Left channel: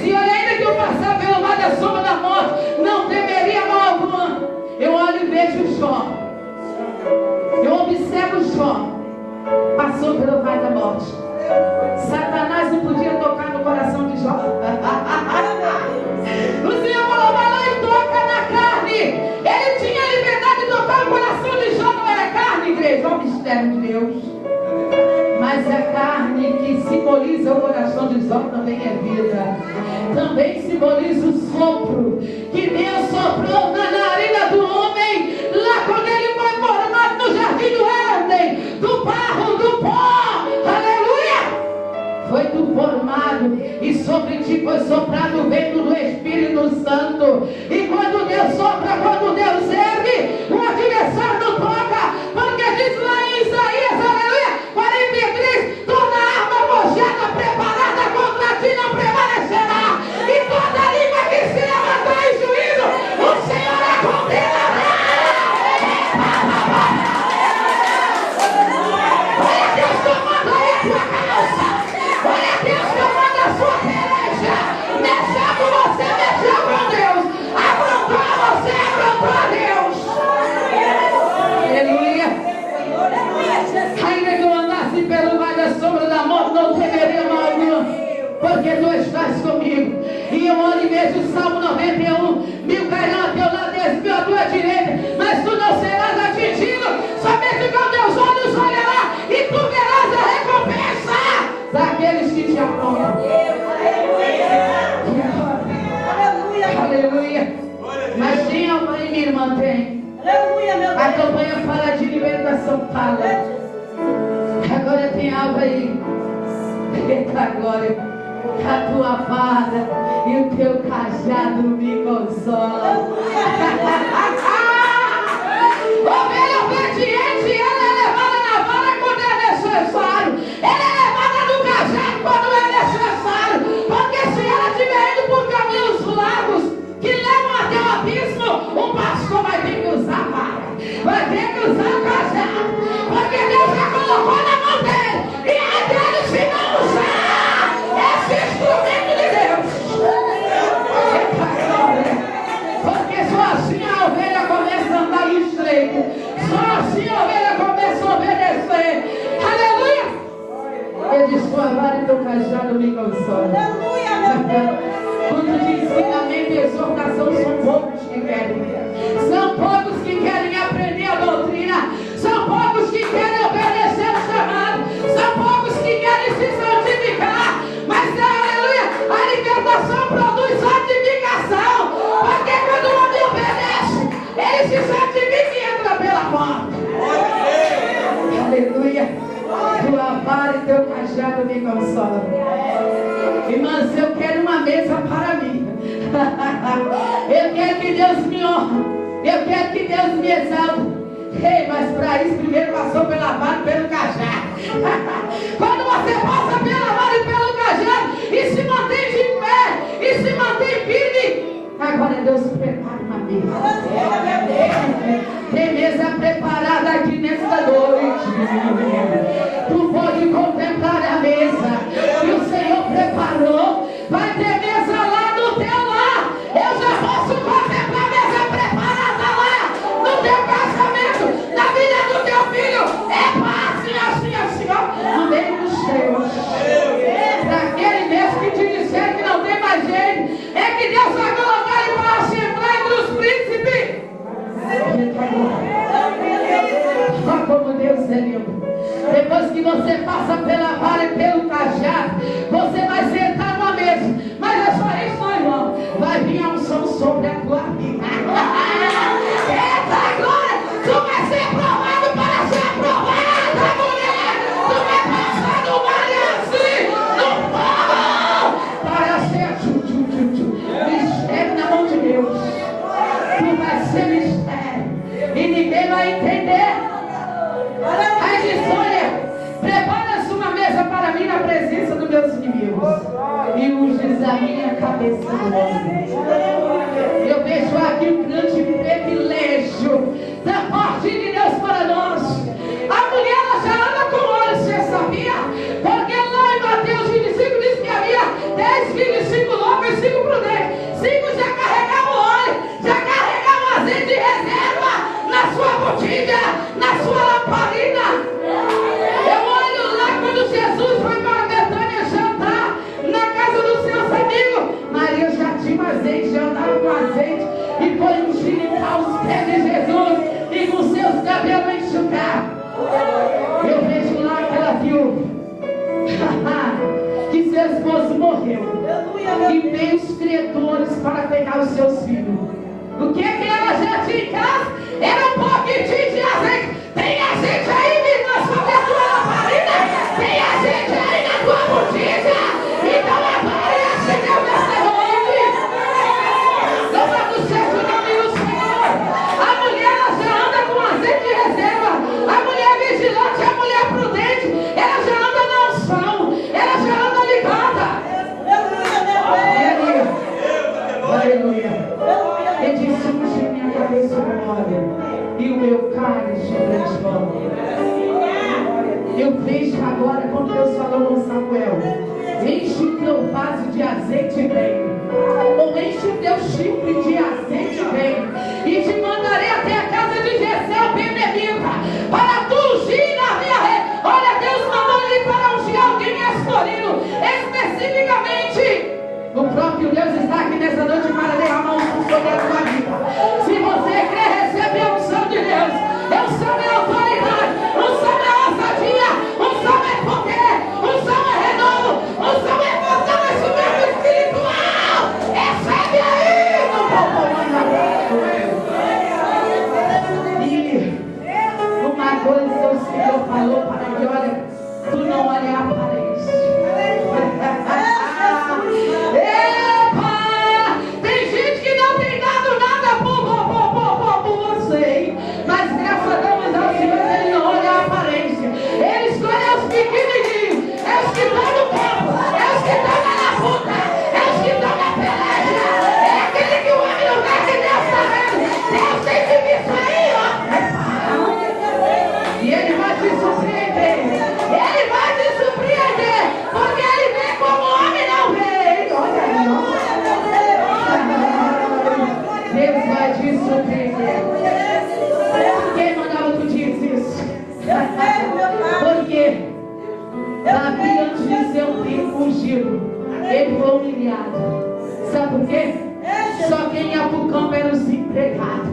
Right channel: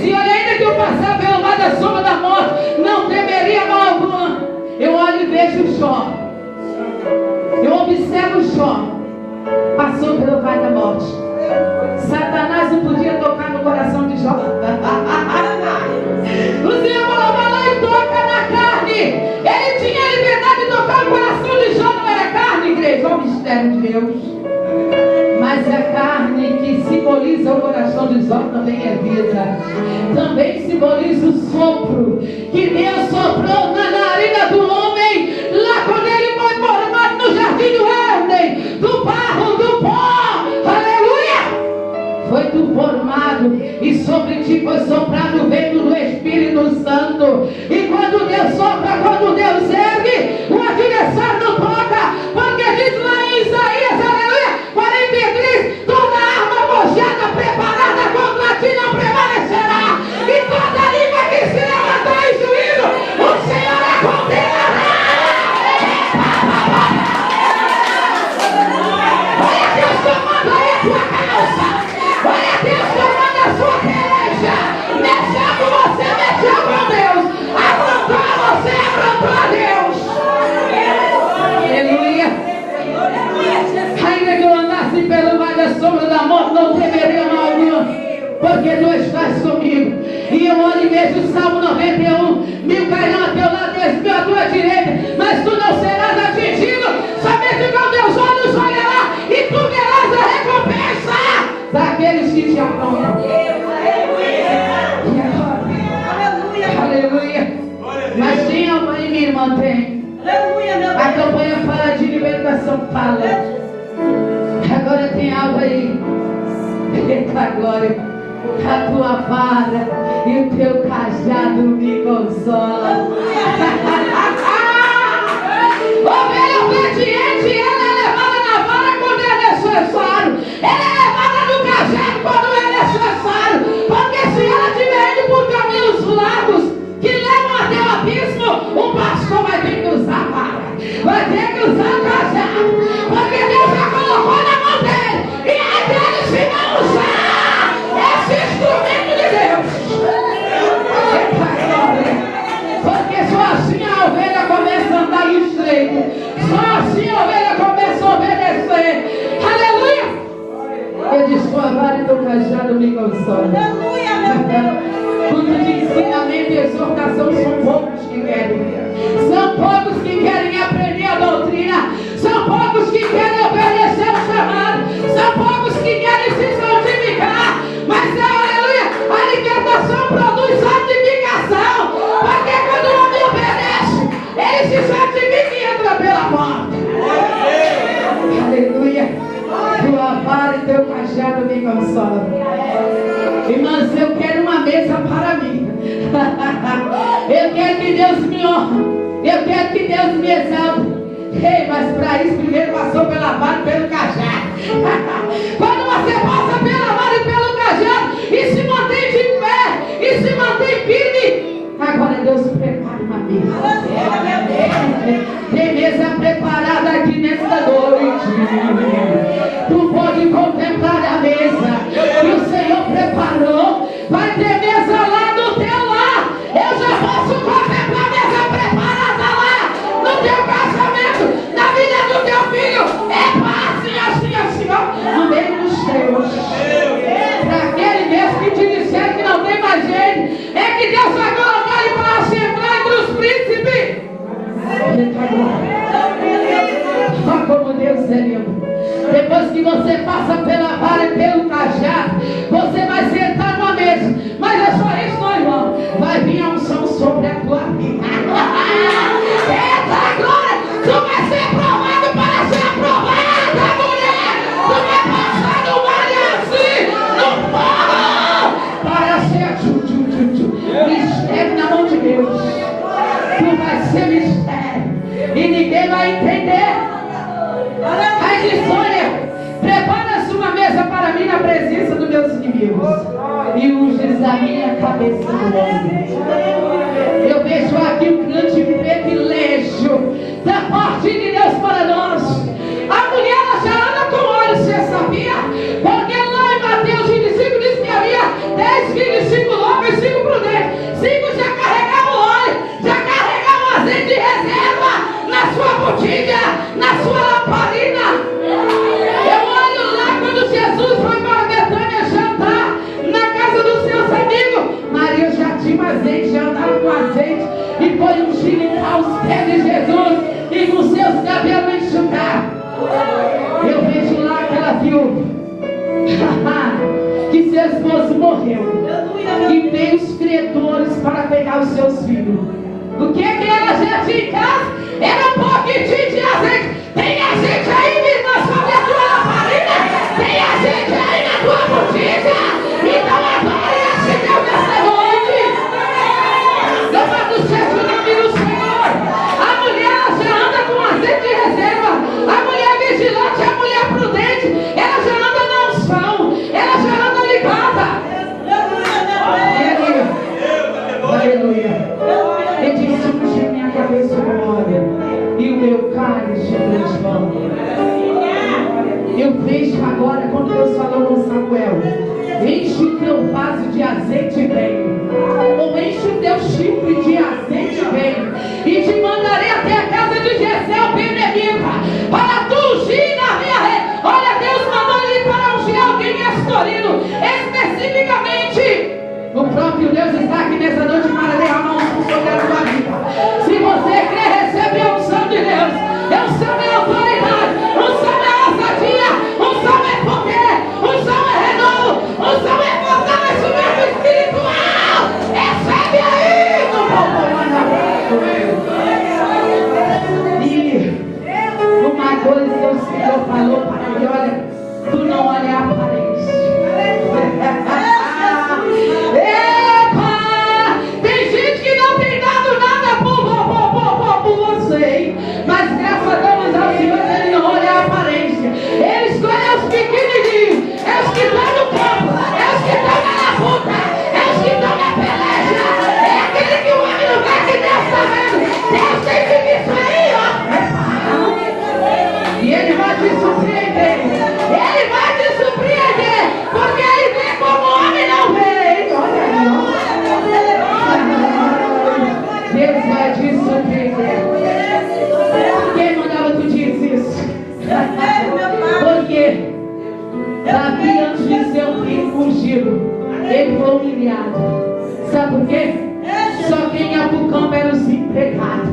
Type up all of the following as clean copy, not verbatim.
dizia: olha, ainda que eu passar pelo mar da sombra da morte, não temeria mal alguma. Eu olho e vejo Jó. Eu observo Jó. Passou pelo vale da morte. Satanás não podia tocar no coração de Jó. O Senhor falou: vai lá e toca na carne. Ele tinha a liberdade de tocar o coração de Jó, não era carne, igreja. É o mistério de Deus. Mas a carne que simboliza o coração de Jó também é vida. Também simboliza o sopro que Deus soprou na narina do homem, lá quando ele foi formado no jardim do Éden, do barro, do pó. Aleluia! Foi tu formado e sobre ti foi soprado o vento do Espírito Santo. E quando Deus sopra, quando Deus ergue, o adversário não toca, porque diz lá em Isaías, aleluia, 43, toda arma forjada, preparada contra ti não prevalecerá, e toda língua que se levantar em juízo, o Senhor a condenará. Olha Deus tomando aí a tua calça, olha Deus tomando a sua peleja, mexeu com você, mexeu com Deus, afrontou a você, afrontou a Deus. Aleluia. Ainda que eu andasse pelo vale da sombra da morte, não temeria mal algum, porque tu estás comigo. E eu olho e vejo o Salmo 91, 1000 cairão a teu lado, 10.000 à tua direita, mas tu não serás atingido, somente com teus olhos olhará, e tu verás a recompensa daqueles que te amam. Aleluia. Mas tem algo aí, minha irmã, tem. A campanha fala de libertação, fala. Agora tem algo aí. Eita glória. A tua vara e o teu cajado me consola. Ovelha obediente, ela é levada na vara quando é necessário. Ela é levada no cajado quando é necessário. Porque se ela estiver indo por caminhos largos que levam até o abismo, o pastor vai ter que usar a vara, vai ter que usar o cajado, porque Deus já colocou na mão dele, e aí dele se não usar esse instrumento de Deus. Porque só assim a ovelha começa a andar estreito, só assim a ovelha começa a obedecer. Aleluia. Eu disse: tua vara e teu cajado me consolam. Quando de ensinamento e exortação, são poucos que querem. São poucos que querem aprender a doutrina. São poucos que querem obedecer o chamado. São poucos que querem se santificar. Mas, aleluia, a libertação produz santificação. Porque quando o homem obedece, ele se santifica e entra pela porta. Aleluia. Tua vara e teu cajado me consolam. Irmãs, eu quero uma mesa para mim. Eu quero que Deus me honre. Eu quero que Deus me exalte. Ei, mas para isso primeiro passou pela vara e pelo cajado. Quando você passa pela vara e pelo cajado e se mantém de pé e se mantém firme, agora Deus prepara uma mesa. Tem mesa preparada aqui nesta noite. Tu pode contemplar a mesa que o Senhor preparou. Vai ter mesa lá no teu lar. Eu já posso contemplar a mesa preparada lá no teu casamento, na vida do teu filho. É assim, ó, no meio dos teus. Para aquele mesmo que te disser que não tem mais gente, é que Deus vai colocar ele para a Assembleia dos Príncipes. Olha como Deus é lindo. Depois que você passa pela vara e pelo cajado, você vai sentar numa mesa. Mas é só isso, não, irmão. Vai vir a unção sobre a tua vida. Eita glória! Tu vai ser aprovado para ser aprovada, mulher! Tu vai passar no vale assim, no fogo, para ser mistério na mão de Deus. Tu vai ser mistério e ninguém vai entender. Aí diz: olha, prepara-se uma mesa para mim na presença dos meus inimigos e unges a minha cabeça do homem. Eu vejo aqui um grande privilégio da parte de Deus para nós. A mulher, ela já anda com olhos, você sabia? Porque lá em Mateus 25 diz que havia 10 filhos e 5 homens enxeritar os pés de Jesus e com seus cabelos enxugar. Eu vejo lá aquela viúva que seu esposo morreu e veio os credores para pegar os seus filhos. O que ela já tinha em casa era um pouquinho de azeite. Tem azeite aí na sua lamparina, tem azeite aí na tua botija. Então agora acendeu nessa noite. Louvado seja o nome do Senhor. A mulher ela já anda com azeite de reserva. A mulher vigilante, a mulher prudente, ela já anda na unção, ela já anda ligada. Aleluia. Ele disse: unge minha cabeça com óleo e o meu cálice transborda. Eu vejo agora, quando Deus falou com Samuel: enche o teu vaso de azeite e vem. Ou enche o teu chifre de azeite e vem. E te mandarei até a casa de Jessé o Benedita, para tu ungir na minha rede. Olha, Deus mandou ele para ungir alguém em Astorino, especificamente. O próprio Deus está aqui nessa noite para derramar um sobre a tua vida. Se você crê, recebe a unção de Deus. Unção é autoridade, unção é ousadia, unção é poder, unção é renovo, unção é fortalecimento espiritual. Recebe aí no E uma coisa que o Senhor falou para ele: olha, tu não olha a aparência. Epa! Tem gente que não tem dado nada por você, mas graças a Deus ao Senhor ele não olha a aparência. Ele escolhe os pequenininhos, é os que estão no campo, é os que estão na labuta, é os que estão na peleja, é aquele que o homem não vê que Deus está vendo. Deus tem que ver isso aí, ó. E ele vai te surpreender, ele vai te surpreender, porque ele vê como o homem não vê. Olha aí, Deus vai te surpreender. Quem mandava tu dizer isso? Porque Davi, antes de ser um ungido, ele foi humilhado. Sabe por quê? Só quem ia pro campo eram os empregados.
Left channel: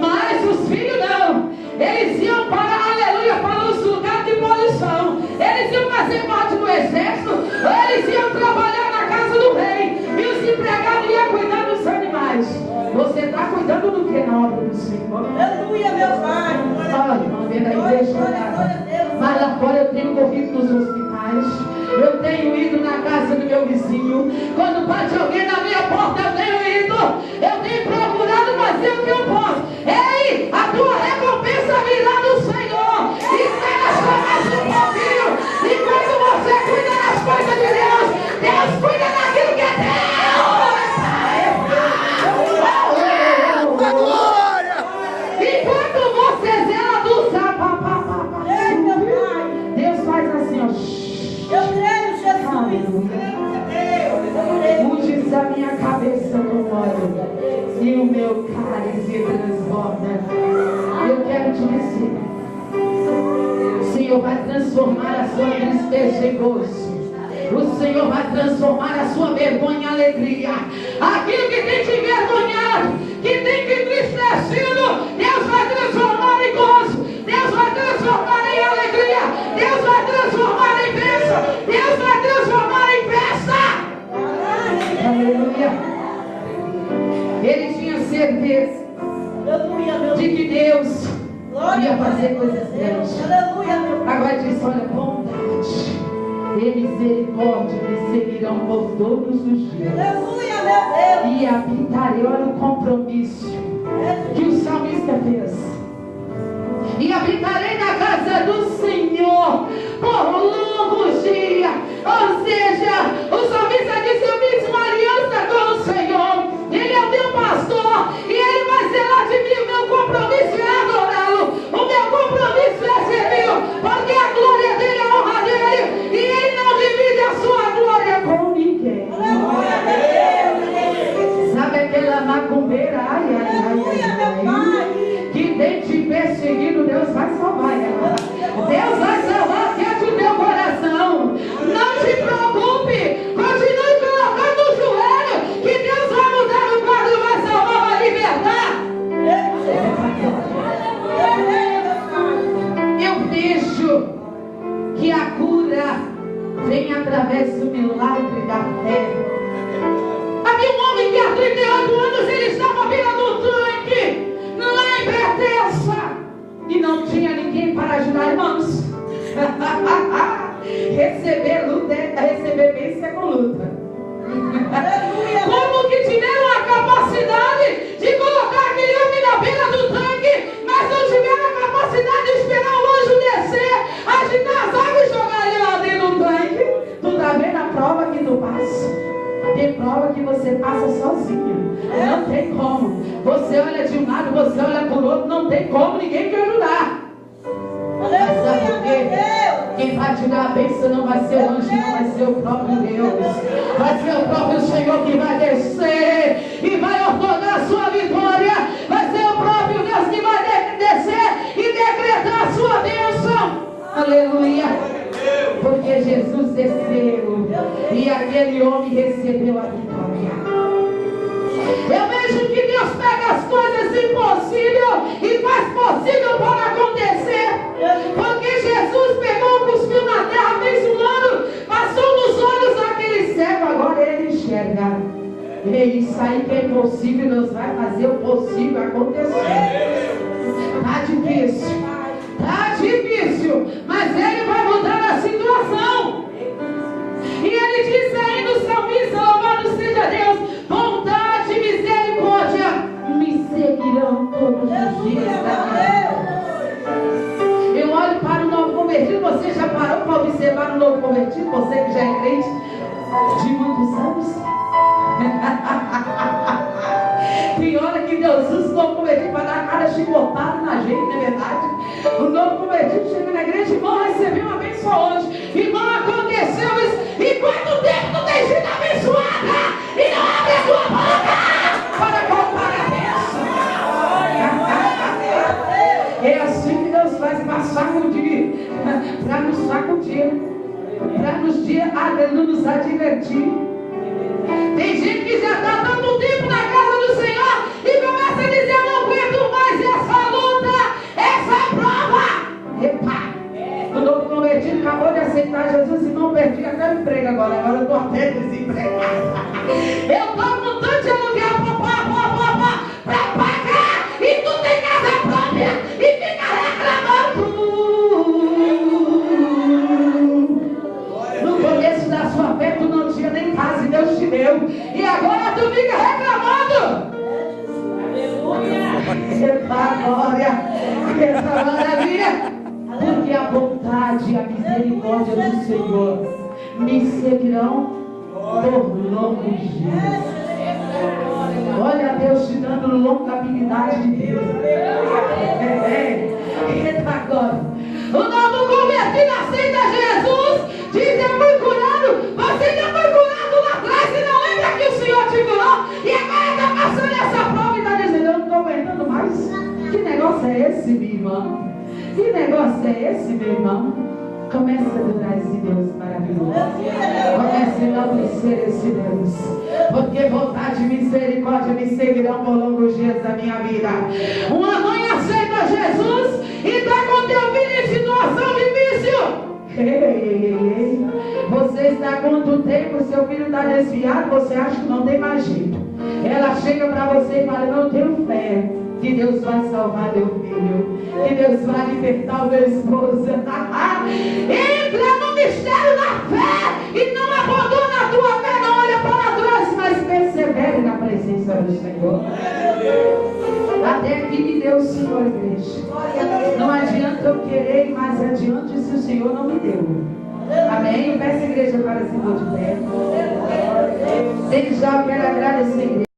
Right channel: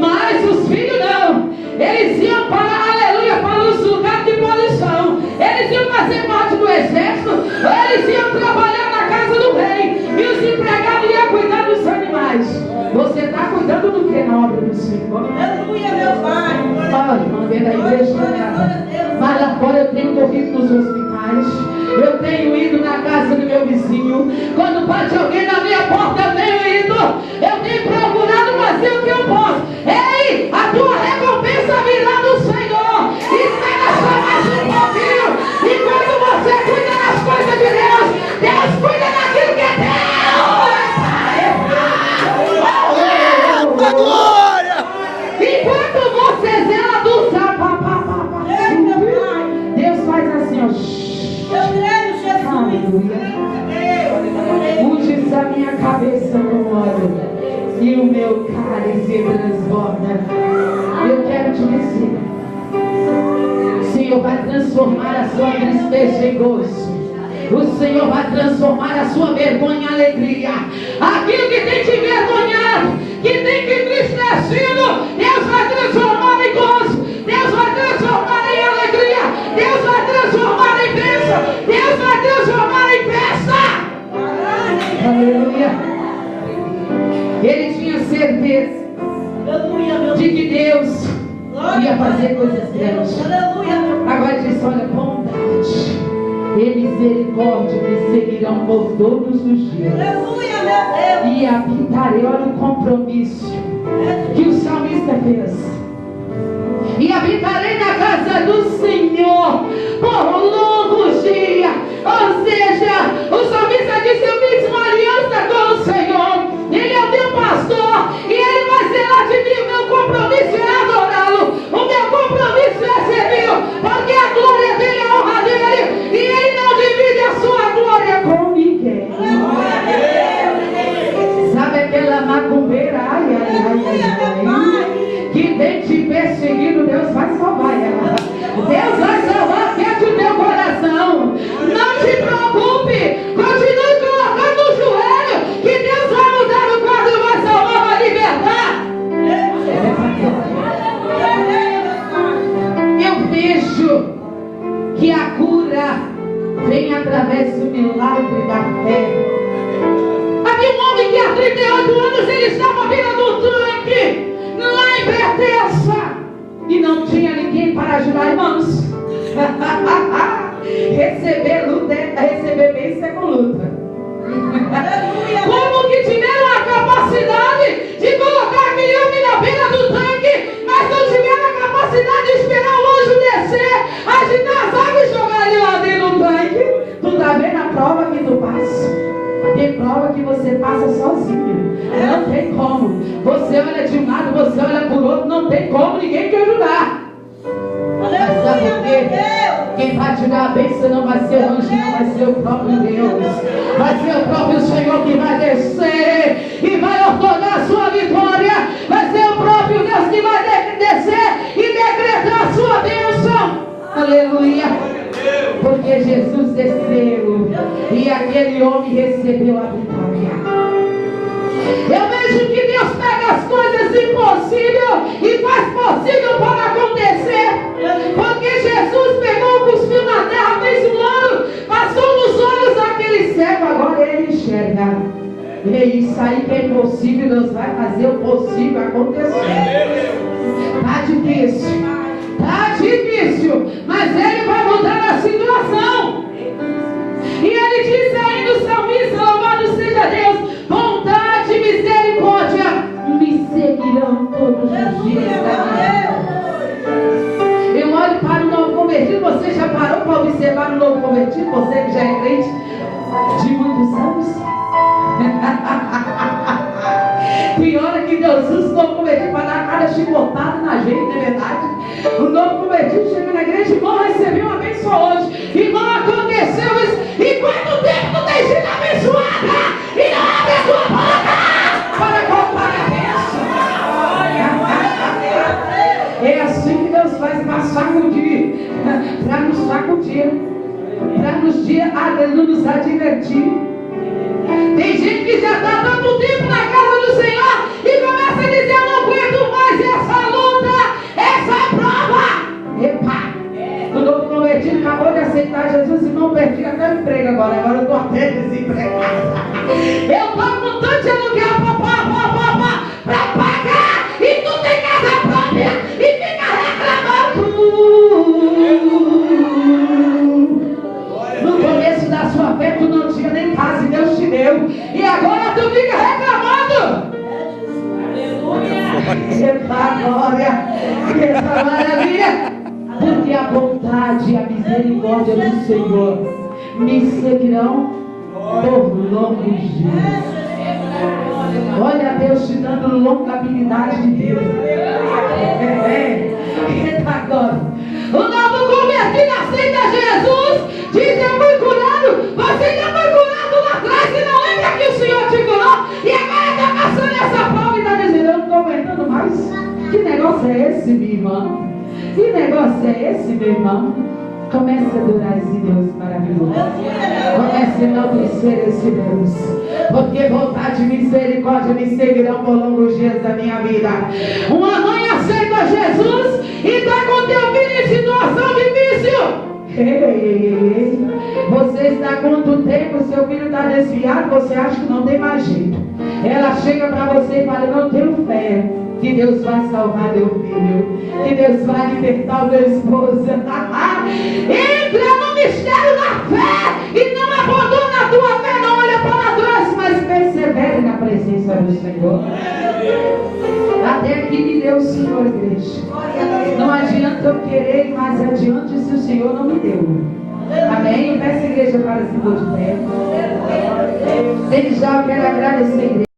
Mas os filhos não. Eles iam para, aleluia, para os lugares de posição. Eles iam fazer parte do exército. Eles iam trabalhar na casa do rei. E os empregados iam cuidar dos animais. Você está cuidando do que na obra do Senhor? Aleluia, meu Pai. Olha, irmã, vem da igreja. Mas lá fora eu tenho corrido nos hospitais. Eu tenho ido na casa do meu vizinho. Quando bate alguém na minha porta, eu tenho ido. Eu tenho procurado fazer o que eu posso. Ei, a tua recompensa virá do Senhor. Espera só mais um pouquinho. E quando você cuida das coisas de Deus, Deus cuida daquilo que é teu. Glória! Enquanto você zela do sapapapapá, Deus faz assim, ó. Eu creio, Jesus. Unge a minha cabeça com óleo e o meu cálice transborda. Eu quero te dizer, o Senhor vai transformar a sua tristeza em gozo. O Senhor vai transformar a sua vergonha em alegria. Aquilo que tem te envergonhado, que tem te entristecido, Deus vai transformar em gozo. Deus vai transformar em alegria. Deus vai transformar em bênção. Deus vai transformar em festa. Aleluia. Ele tinha certeza de que Deus ia fazer coisas grandes. Agora ele disse: olha, bondade e misericórdia me seguirão por todos os dias. E habitarei, olha o compromisso que o salmista fez. E habitarei na casa do Senhor por longos dias. Ou seja, o salmista disse: eu fiz uma aliança com o Senhor. Ele é o meu pastor e ele vai zelar de mim. O meu compromisso é adorá-lo. O meu compromisso é servi-lo, porque a glória dele é a honra dele. E ele não divide a sua glória com ninguém. Sabe aquela macumbeira? Que tem te perseguido, Deus vai salvar ela. Deus vai salvar quente o teu coração. Não te preocupe. Continue colocando o joelho, que Deus vai mudar o quadro, vai fácil. Tem prova que você passa sozinho. Não tem como. Você olha de um lado, você olha por outro, não tem como ninguém te ajudar. Sabe por quê? Quem vai te dar a bênção não vai ser anjo, não vai ser o próprio Deus. Vai ser o próprio Senhor que vai descer e vai ordenar a sua vitória. Vai ser o próprio Deus que vai descer e decretar a sua bênção. Aleluia. Porque Jesus desceu e aquele homem recebeu a vitória. Eu vejo que Deus pega as coisas impossíveis e faz possível para acontecer. Porque Jesus pegou, cuspiu na terra, fez um ano, passou nos olhos daquele cego, agora ele enxerga. Isso aí que é impossível, Deus vai fazer o possível acontecer. Tá difícil, mas ele vai mudar a situação. E ele disse ainda o salmista, louvado seja Deus, bondade e misericórdia me seguirão todos os dias da minha vida. Eu olho para o novo convertido. Você já parou para observar o novo convertido? Você que já é crente de muitos anos? Pior é que Deus usa o novo convertido para dar cada chicotada na gente, não é verdade? O novo convertido chega na igreja, irmão, recebeu uma bênção hoje. Irmão, aconteceu isso. E quanto tempo tu tem sido abençoada? E não abre a tua boca para contar a bênção. É assim que Deus faz para sacudir, para nos sacudir, para nos advertir. Tem gente que já está tanto tempo na casa do Senhor e começa a dizer: eu não aguento mais essa luta, essa prova. Epa! O novo convertido acabou de aceitar Jesus e não perdi até o emprego agora. Agora eu estou até desempregado. Eu estou com tanto de aluguel para pagar e tu tem casa própria e fica reclamando. No começo da sua fé tu não tinha nem casa e Deus te deu. E agora tu fica reclamando. Epa, glória! Essa maravilha! Porque a bondade e a misericórdia do Senhor me seguirão por longos dias. Olha Deus te dando longabilidade de Deus. Eita, agora! O novo convertido aceita Jesus. Diz: eu fui curado. Você já foi curado lá atrás e não lembra que o Senhor te curou? E agora está passando essa prova e está dizendo: eu não estou aguentando mais. Que negócio é esse, minha irmã? Que negócio é esse, meu irmão? Comece a adorar esse Deus maravilhoso. Comece a enaltecer esse Deus. Porque vontade e misericórdia me seguirão por longos dias da minha vida. Uma mãe aceita Jesus e está com teu filho em situação difícil. Você está há quanto tempo? Seu filho está desviado, você acha que não tem mais jeito. Ela chega para você e fala: não tenho fé que Deus vai salvar meu filho, que Deus vai libertar o meu esposo. Entra no mistério da fé e não abandona a tua fé, não olha para trás, mas persevere na presença do Senhor. Até que me deu o Senhor, igreja. Não adianta eu querer ir mais adiante se o Senhor não me deu. Amém? Eu peço a igreja para se pôr de pé. Desde já eu quero agradecer a igreja.